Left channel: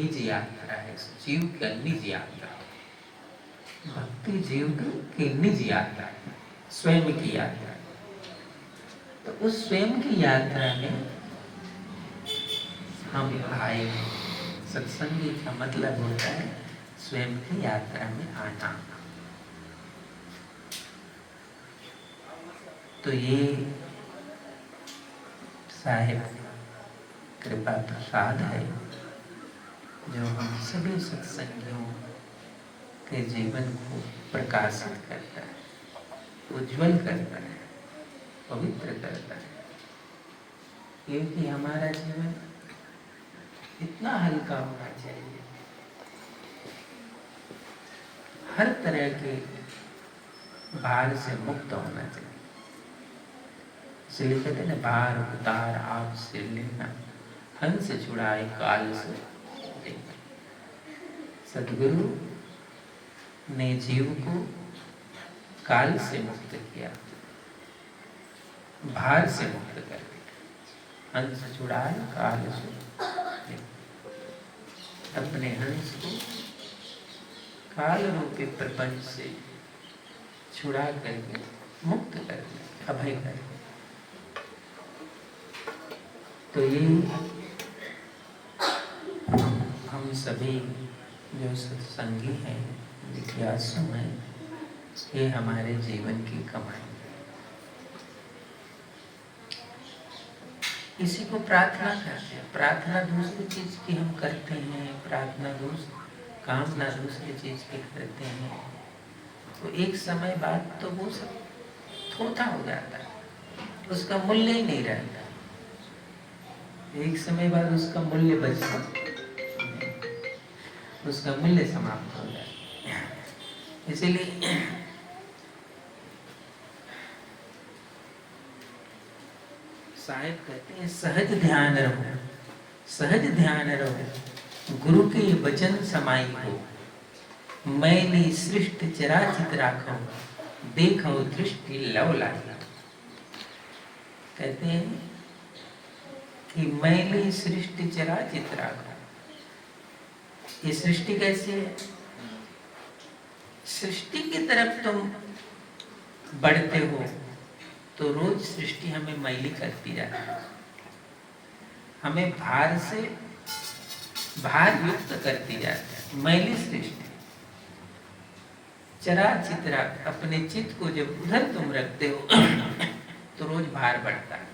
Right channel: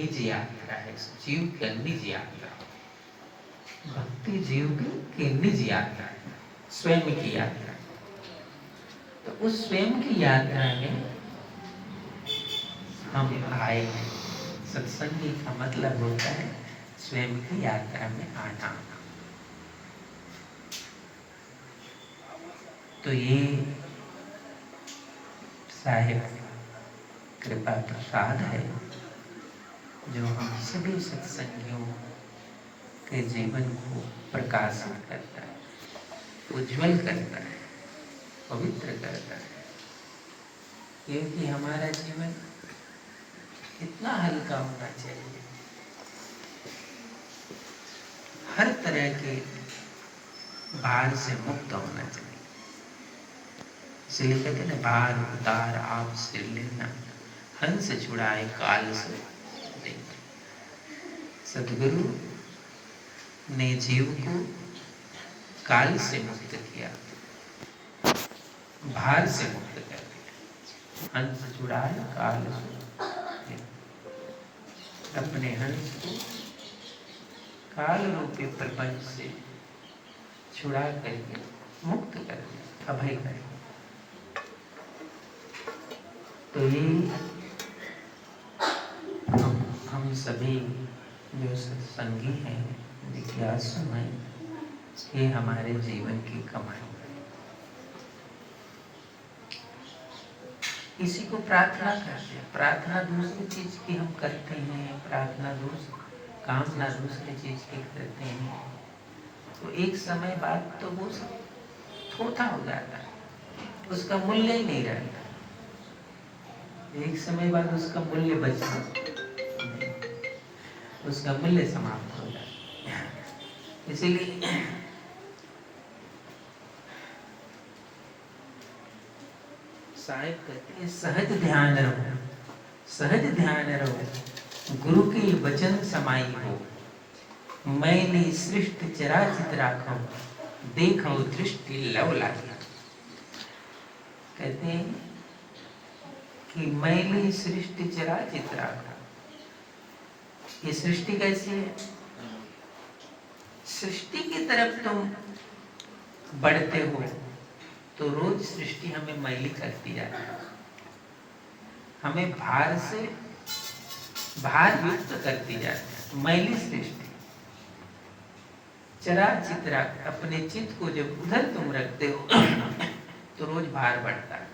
निज यात्रा है, जीव की निज यात्रा। भक्ति जीव की निज यात्रा, स्वयं की यात्रा। तो उस स्वयं की यात्रा में हम आए। सत्संग का मतलब होता है स्वयं की यात्रा में आना। तो ये साहिब कृपा प्रसाद है जो हम सभी सत्संगियों के जीवन को प्रकाशित करता है, उज्जवल करता है, पवित्र करता है। क्योंकि हमारा जीवन इतना हल्का होना चाहिए, हर तरह के भार से मुक्त होना चाहिए। इसलिए कहते हैं भार उतार आप सिर लेना, हंस छुड़ाए काल से देना। सदगुरु ने जीव को काल से मुक्त किया, भार से मुक्त कर दिया। हंस छुड़ाए काल से, अपने हंस को काल रूपी प्रपंच से छुड़ा करके मुक्त कर दिया, अभय कर दिया। तो ये हम सभी जो सत्संगी हैं, जिज्ञासु हैं, ये हमारे जीवन की कमाई है। किसी को प्रार्थना करते हैं, प्रार्थना दूसरी चीज की हम करते हैं, प्रार्थना कामना दूसरी चीज की करते हैं, तो एक समय बाद तो वो सब थोथा हो जाता है, उसका मूल्य ही नहीं रहता। एक समय बाद उसका मूल्य बचता नहीं, उसका मूल्य समाप्त हो जाता है। इसीलिए साहिब कहते हैं सहज ध्यान रहो, सहज ध्यान रहो, गुरु के वचन समाई हो। मैली सृष्टि चराचित राखो, देखो दृष्टि लव लागी। कहते हैं कि मैली सृष्टि चराचित राखो। ये सृष्टि कैसी है? सृष्टि की तरफ तुम बढ़ते हो तो रोज सृष्टि हमें मैली करती जाती है, हमें भार से भार युक्त करती जाती है। मैली सृष्टि चराचित राख, अपने चित्त को जब उधर तुम रखते हो तो रोज भार बढ़ता है।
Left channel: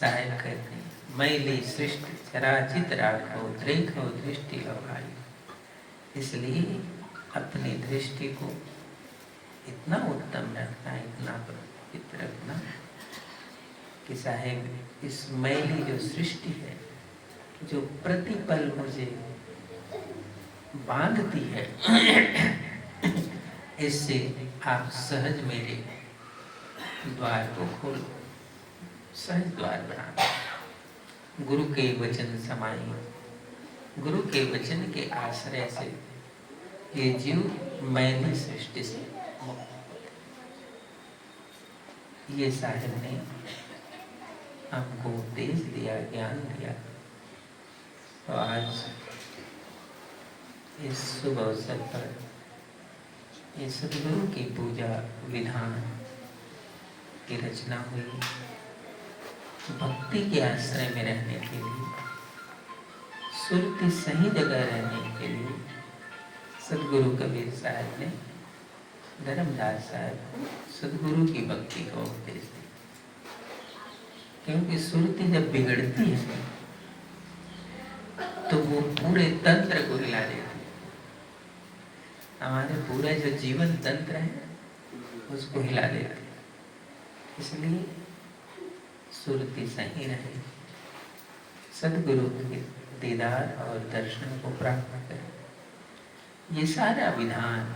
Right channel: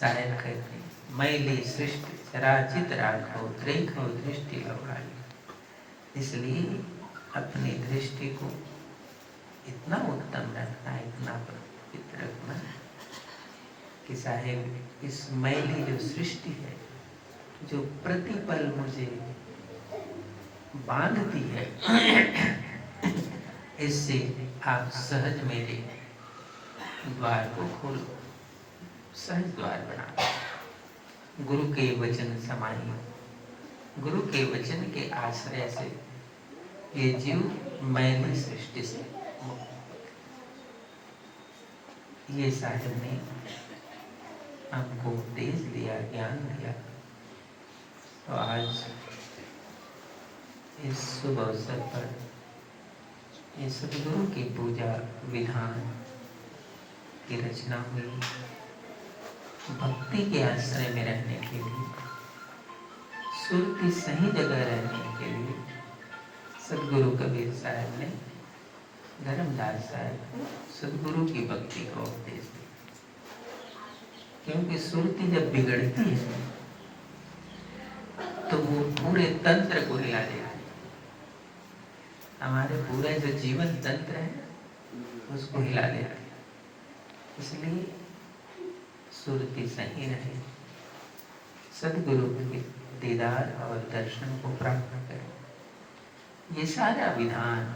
साहिब कहते हैं मैली सृष्टि चराचित राखो, देखो दृष्टि लवलाई। इसलिए अपनी दृष्टि को इतना उत्तम रखना, इतना पवित्र रखना कि साहिब इस मैली जो सृष्टि है, जो प्रतिपल मुझे बांधती है, इससे आप सहज मेरे द्वार को खोलो, सहज द्वार बना। गुरु के वचन समाई, गुरु के वचन के आश्रय से ये जीव मैली सृष्टि से, ये साहिब ने हमको उपदेश दिया, ज्ञान दिया। तो आज इस शुभ अवसर पर ये सद्गुरु की पूजा विधान की रचना हुई, भक्ति के आश्रय में रहने के लिए, सुर की सही जगह रहने के लिए सद्गुरु कबीर साहब ने धर्मदास साहब को सद्गुरु की भक्ति का उपदेश दिया। क्योंकि सुरती जब बिगड़ती है तो वो पूरे तंत्र को हिला देती है। हमारे पूरा जो जीवन तंत्र है उसको हिला देती है। इसलिए सुरती सही रहे, सद्गुरु के दीदार और दर्शन को प्राप्त करें। ये सारा विधान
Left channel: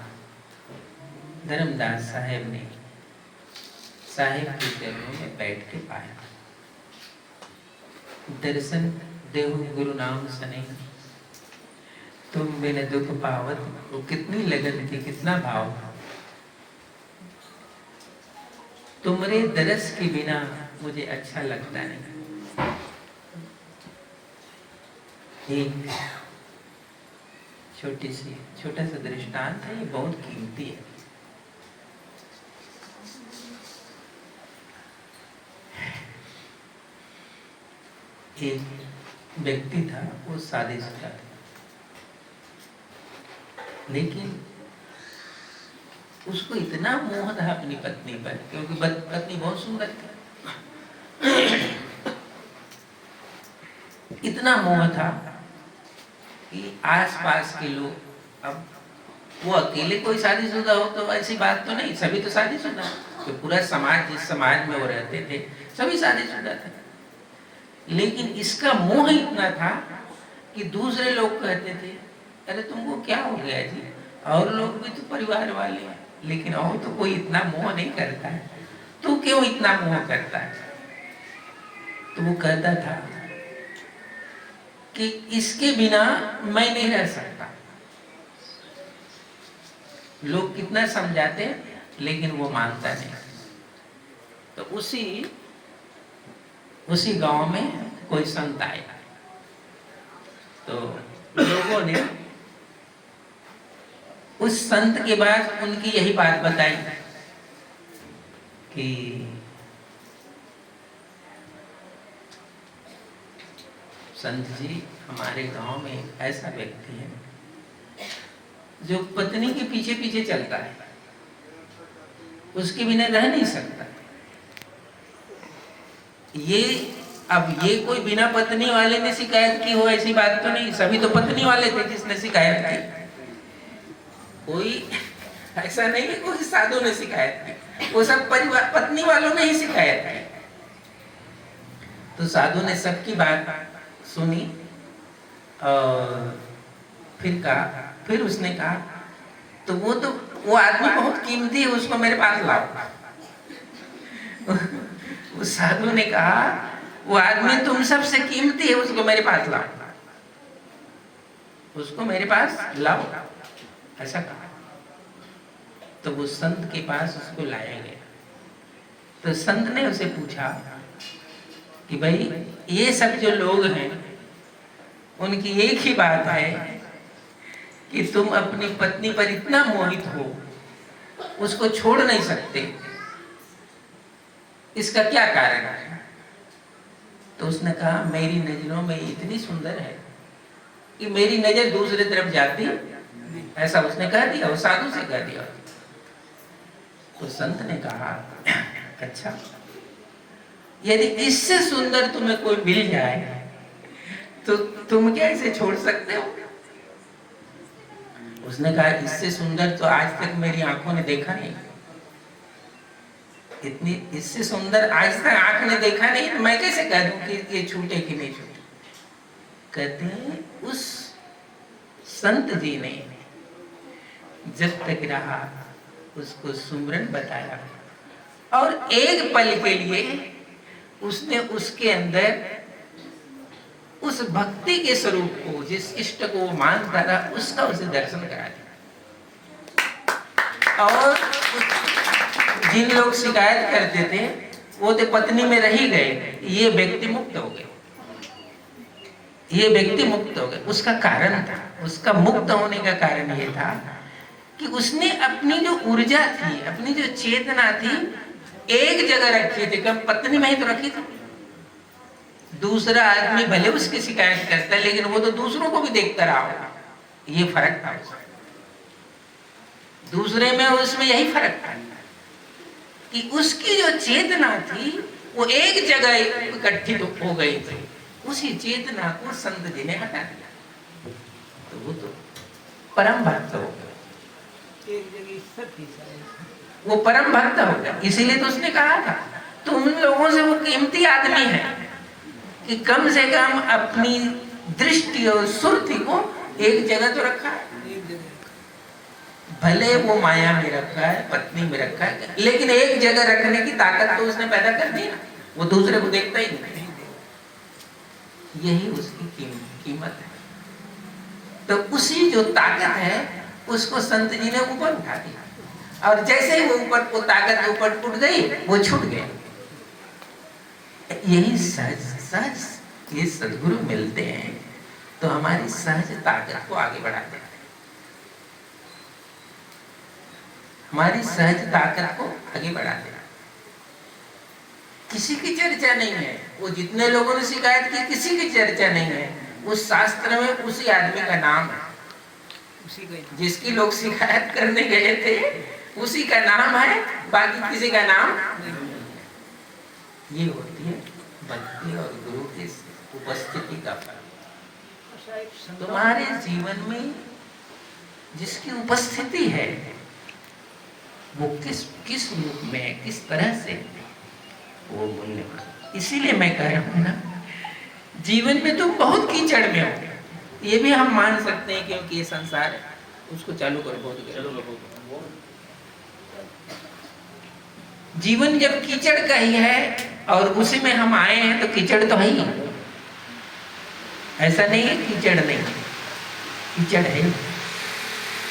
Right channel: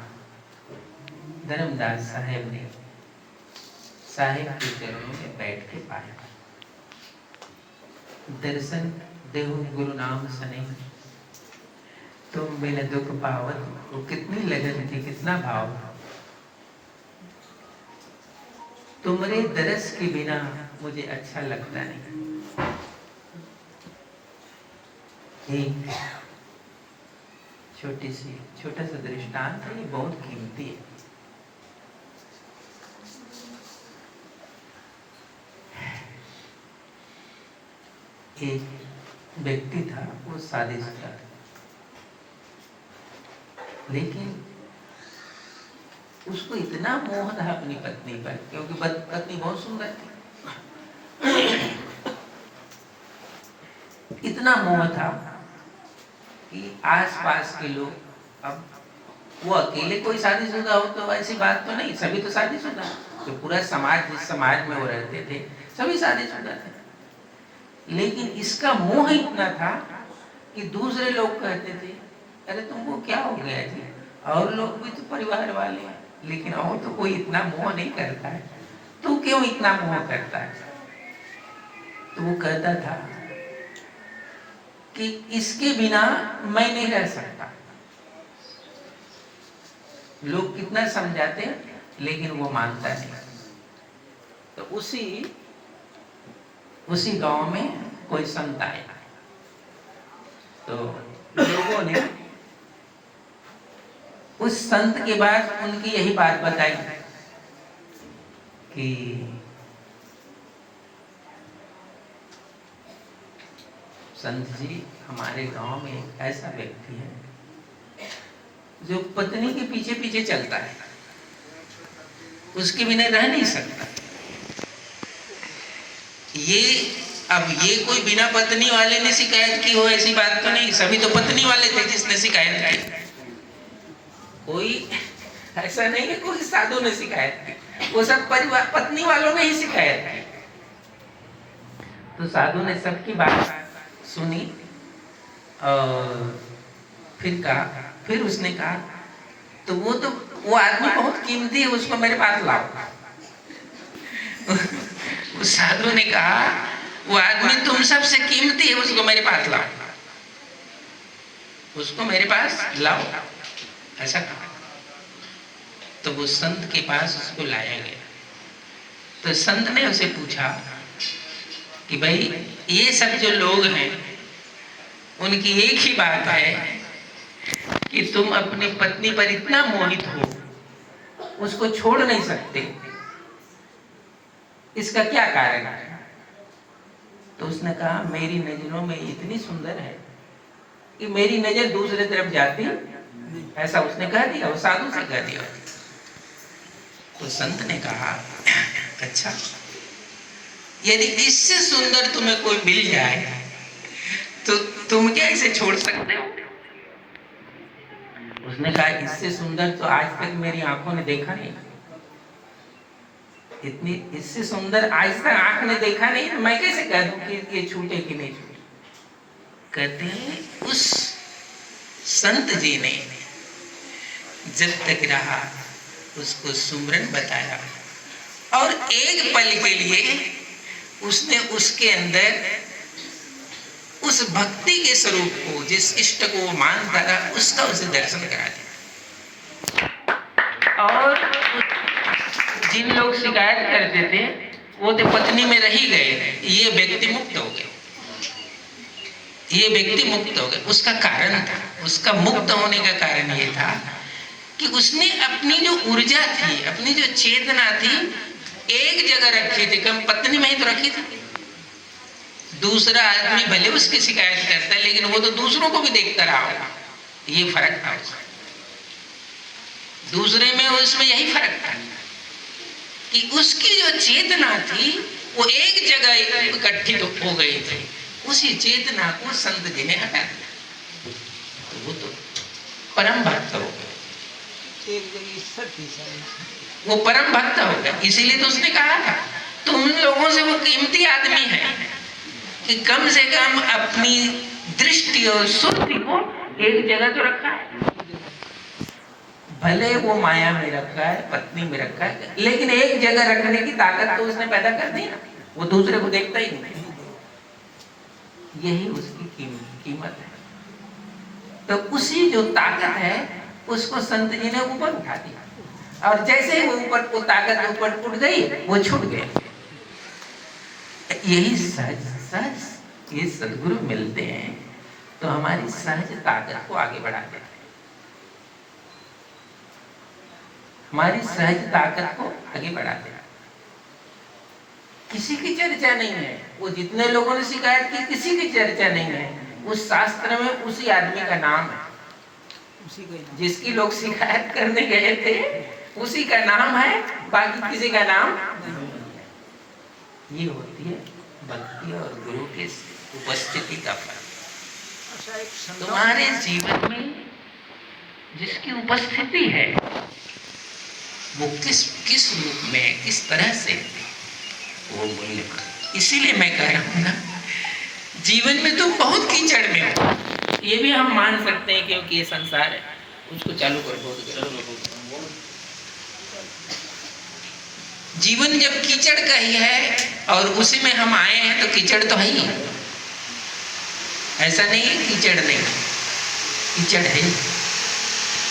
धर्मदास साहेब ने साहिब के चरणों में बैठ के पाया। दर्शन देहु गुरु नाम सने, तुम बिन दुख पावत, वो कितनी लगन थी, कितना भाव था। तुम्हारे दरस के बिना मुझे अच्छा लगता नहीं। एक छोटा सा दृष्टांत है, ये बहुत कीमती है। एक व्यक्ति था, वो शादीशुदा था, लेकिन उसको इतना मोह था अपनी पत्नी पर, क्योंकि पत्नी बहुत सुंदर थी। इतना मोह था कि आसपास के लोग, अब वो अकेले कोई शादीशुदा हो तो ऐसी बात तो नहीं, सभी तो शादीशुदा, तो पूरा समाज, जिस समाज में वो रहते थे सभी शादीशुदा थे, लेकिन इसका मोह इतना था कि दूसरे लोग कहते थे, अरे तुमको क्या हो गया जी, और लोग भी तो परिवार वाले हैं, लेकिन और तो कोई इतना मोह नहीं करता है, तू क्यों इतना मोह करता है? तो वो कहता था कि इसके बिना मैं नहीं रह सकता। लोग कितना समझाते लेकिन वो मानता नहीं। तो उसी गांव में कोई संत आया, तो लोगों ने उस संत के बाद उनकी यही बात बताई कि संत जी, हमारे गांव में एक ऐसा व्यक्ति है जो पत्नी के पीछे पीछे चलता है, उसके बिना रह नहीं सकता। ये कोई बिना पत्नी वाले ने शिकायत की हो ऐसी बात तो नहीं, सभी तो पत्नी वाले थे जिसने शिकायत की। कोई ऐसा नहीं है कोई साधु ने शिकायत की, वो सब परिवार पत्नी वालों ने ही शिकायत की। तो साधु ने सबकी बात सुनी और फिर उसने कहा, तो वो आदमी बहुत कीमती है, उसको मेरे पास लाओ। उस साधु ने कहा, वो आदमी तुम सबसे कीमती है, उसको मेरे पास लाओ, उसको मेरे पास लाओ, ऐसा कहा। तो वो संत के पास उसको लाया गया। तो संत ने उसे पूछा कि भाई, ये सब जो लोग हैं उनकी एक ही बात है कि तुम अपनी पत्नी पर इतना मोहित हो, उसको छोड़ नहीं सकते, इसका क्या कारण है? तो उसने कहा, मेरी नजरों में इतनी सुंदर है कि मेरी नजर दूसरे तरफ जाती, ऐसा उसने कह दिया, उस साधु से कह दिया। तो संत ने कहा, अच्छा, यदि इससे सुंदर तुम्हें कोई मिल जाए तो तुम क्या इसे छोड़ सकते हो? उसने कहा, इससे सुंदर तो आज तक मेरी आंखों ने देखा नहीं, इससे सुंदर आज तक आंख ने देखा नहीं, तो मैं कैसे कह दूं कि ये छूटे कि नहीं छूटे? कहते हैं उस संत जी ने जब तक रहा उसको सुमरन बताया, और एक पल के लिए उसने उसके अंदर उस भक्ति के स्वरूप को, जिस इष्ट को वो मानता था, उसका उसे दर्शन करा दिया। और जिन लोग शिकायत करते थे वो तो पत्नी में रह ही गए, ये व्यक्ति मुक्त हो गए, ये व्यक्ति मुक्त हो गए। उसका कारण था, उसका मुक्त होने का कारण ये था कि उसने अपनी जो ऊर्जा थी, अपनी जो चेतना थी, एक जगह रखी थी, कम पत्नी में ही तो रखी थी। दूसरा आदमी भले उसकी शिकायत करता है, लेकिन वो तो दूसरों को भी देखता रहा होगा, ये फर्क था उसमें। दूसरे में उसमें यही फर्क था कि उसकी जो चेतना थी वो एक जगह इकट्ठी हो गई थी, उसी चेतना को संत जी ने हटा दिया, तो वो तो परम भक्त हो गया, वो परम भक्त हो गया। इसीलिए तो उसने कहा था, तो उन लोगों से वो कीमती आदमी है कि कम से कम अपनी दृष्टि और सुर्ति को एक जगह तो रखा है, भले वो माया में रखा है, पत्नी में रखा है, लेकिन एक जगह रखने की ताकत तो उसने पैदा कर दी ना, वो दूसरे को देखता ही नहीं। यही उसकी कीमत है। तो उसी जो ताकत है उसको संत जी ने ऊपर उठा दिया, और जैसे वो ऊपर, वो ताकत ऊपर उठ गई, वो छूट गया। यही सहज ये सदगुरु मिलते हैं तो हमारी सहज ताकत को आगे बढ़ा देते हैं, हमारी सहज ताकत को आगे बढ़ा देते हैं। किसी की चर्चा नहीं है, वो जितने लोगों ने शिकायत की किसी की चर्चा नहीं है, उस शास्त्र में उसी आदमी का नाम है, जिसकी लोग शिकायत करने गए थे उसी का नाम है, बाकी किसी का नाम नहीं। ये होती है भक्ति और गुरु की उपस्थिति का फल। तुम्हारे जीवन में जिसकी उपस्थिति है वो किस रूप में, किस तरह से, वो मूल्य। इसीलिए मैं कह रहा हूँ ना, जीवन में तुम बहुत कीचड़ में हो, ये भी हम मान सकते हैं, क्योंकि ये संसार है। उसको चालू करो, बहुत जीवन जब कीचड़ का ही है और उसी में हम आए हैं तो कीचड़ तो है ही, ऐसा नहीं है कीचड़ नहीं, कीचड़ है।